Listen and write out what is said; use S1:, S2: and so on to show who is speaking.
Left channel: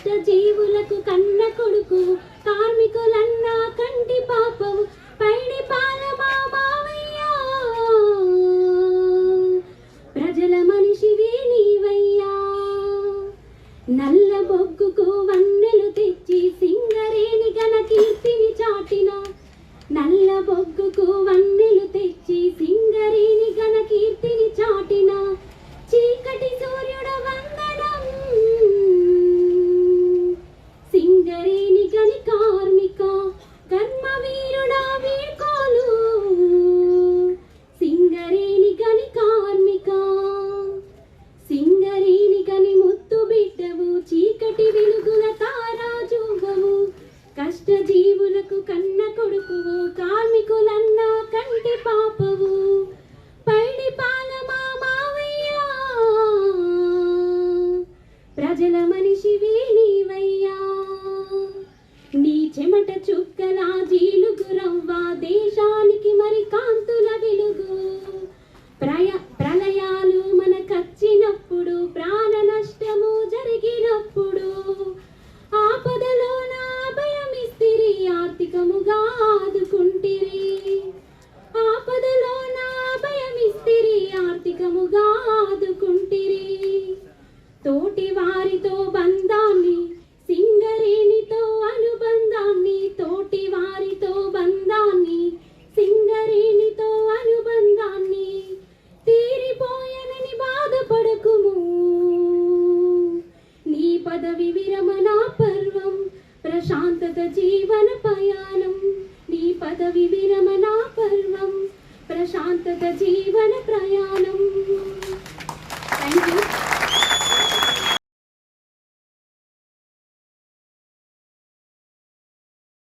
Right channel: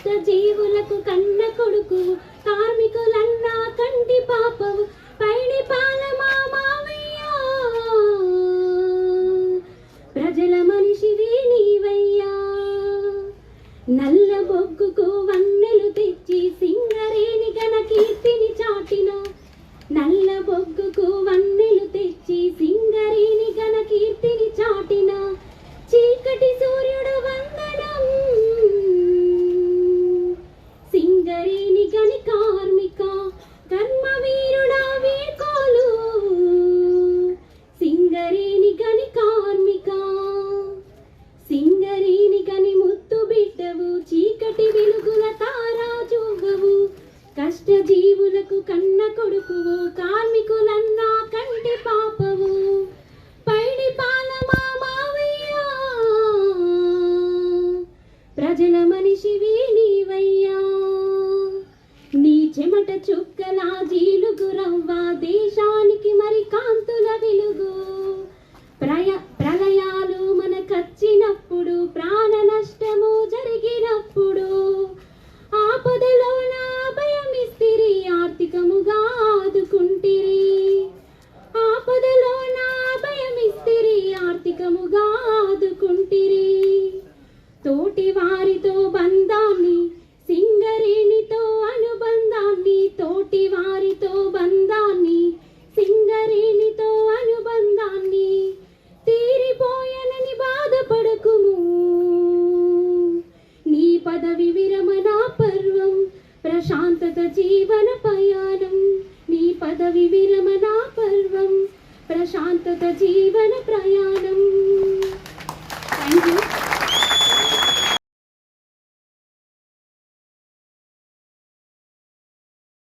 S1: కష్ట జీవులకు కన్న కొడుకు కార్మికులన్నా కంటి పాపవు పైడి పాలమా మావయ్యా. ప్రజల మనిషివి నీవయ్యా. నల్ల బొగ్గుకు వన్నె జీవులకు కన్న కొడుకువు కార్మికులన్నా కంటి పాపవు. పైడి పాలమా మావయ్యా. ప్రజల మనిషివి నీవయ్యా నీ చెమట చుక్కలా జీలుగురవ్వ వారితో బంధాన్ని సింగరేణితో అనుబంధాన్ని తోటి వారితో బంధాన్ని సింగరేణితో అనుబంధాన్ని తీరిపోయనని బాధపడకుము. నీ పదవి విరమణ పర్వం ప్రశాంతత జీవన పయానం నీ పదవి విరమణ పర్వం ప్రశాంతత జీవన ప్రయాణం.